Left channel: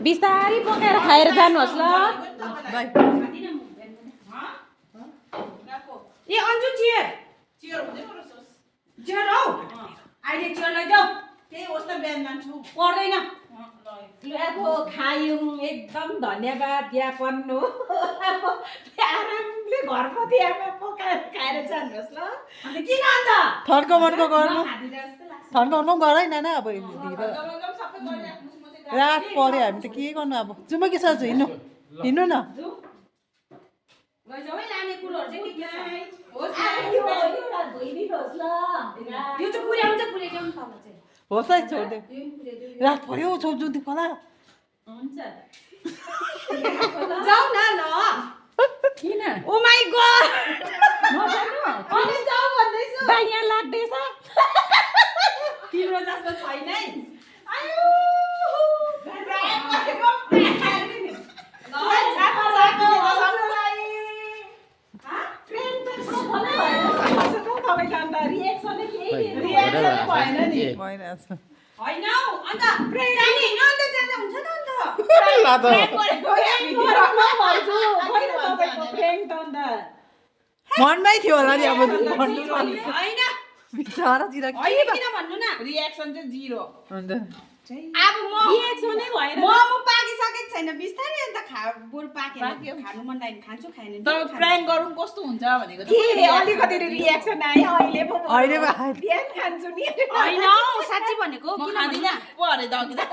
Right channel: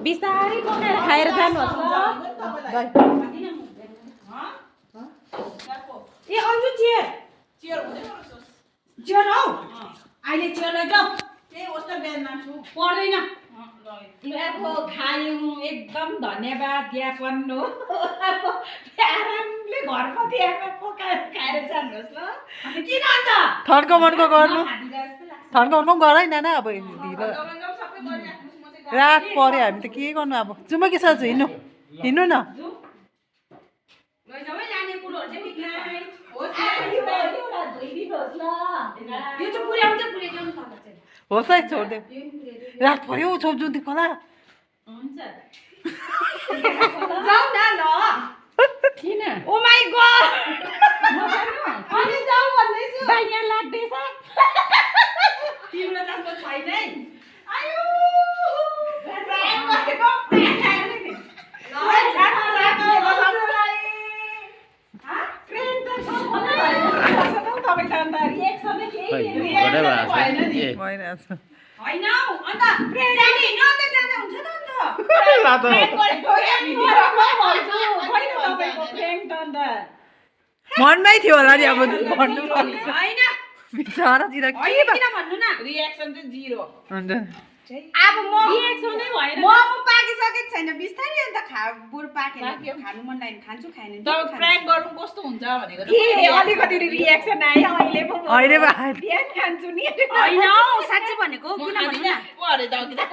बिस्तारै पकाएर खाएर जानुहोस् ल ए अन्जु चियर चियर हौ अहिले चियर लैजाऊ पर्दैन अब खायौँ एकदम धन्यवाद ज्ञापन हो अब आरामले घरको दियामा पकाएर खाएर जानुहोस् ल किन अन्त ठन्को मनको गर्नु ठन्को गरै नाना अब ढिलो रात पर्यो हामी त के गर्नु अब जाउँ कि साँझ हिँड्नु हिँड्नु न लैजाऊ है लाने कुरोहरू चाहिँ निक्लाई धोइदिनुहोस् ल यो चाहिँ पुर्याउँछ पुर्याइजाउँ तल चाहिँ होस् है छोडिदेऊ रात पर्यो छोड्छु खोला हुन्छ जाऊ न ल किन ओ माई गॉड अनि जाऊ भन्दैछु बा यहाँ लाग्दैछ तिम्रो जस्तो छैन है आयो होइन अन्त जाने होइन अन्त जाँदा हुन्छ त अन्त मनमै थियो होला नि अब भन्नु होइन बिचरातिर के किन भन्नु न रियाक्सन चाहिँ जिरो अन्त अब म रिएक्सनै भएन म पाकिसकेको छैन बिस्तारै अन्त बुढ पाकेर खानु मन लाग्यो खान्छु खाएन तर प्राङ्क गरौँ कस्तो हुन्छ भनेको ए अलिकति रिएक्सन आयो अहिले पो अहिले बिहान खान्छु नि होइन हौ साँच्चै भनेको म किन खाँदिनँ पो अरे दगिँदा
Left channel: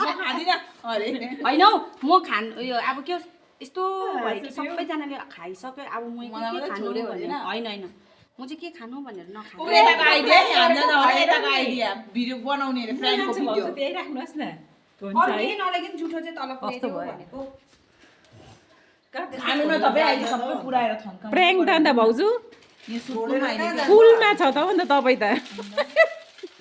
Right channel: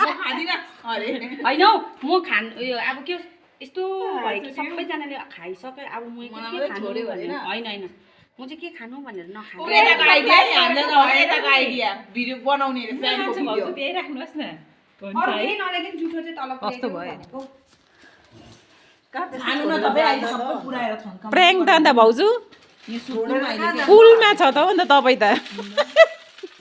म खाँदिनँ अरे होइन हौ म खान उयो अब के यस्तो भयो कि सबैजनाले खाइसक्यो अब म के खानु भने होइन होइन म चाहिँ के खानु भनेर नखानु यताको आइडिया नि हामीलाई त यताको आइडिया भिडियो बनाउने अरे प्राङ्कको भिडियो त्यही राख्नुहोस् न हुन्छ है नलागिन जुठो चाहिँ तल कस्तो भयो खानु न तपाईँ अहिले सबै पुऱ्याएर थन्काउनु प्र्याङ्क त अन्त भाउजू यो सुत्नु अहिले पुलमा छ त अन्त तपाईँ त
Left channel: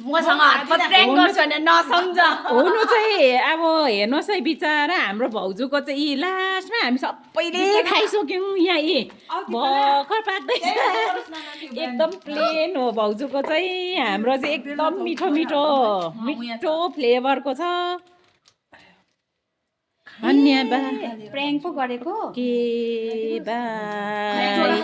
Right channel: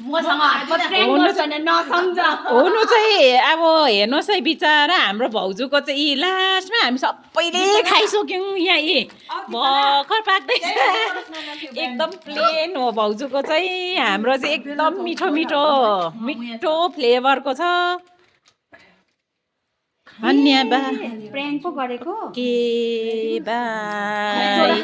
मसँग हातमा नसम्झ हुनु चाहिँ अब हेर्नुहोस् है बिचरा हाम्रो भाउजूको चाहिँ यी लास्टमा हामी सबैले खाइसक्यौँ यहाँ यी भर्खर पाक्दैछ एकदम प्लेन हो भाउजूको चाहिँ हाम्रो चाहिँ एकदम मिठो मिठो मिठो फ्लेभरको छ धन्यवाद प्र्याङ्क पो गरेको के बाई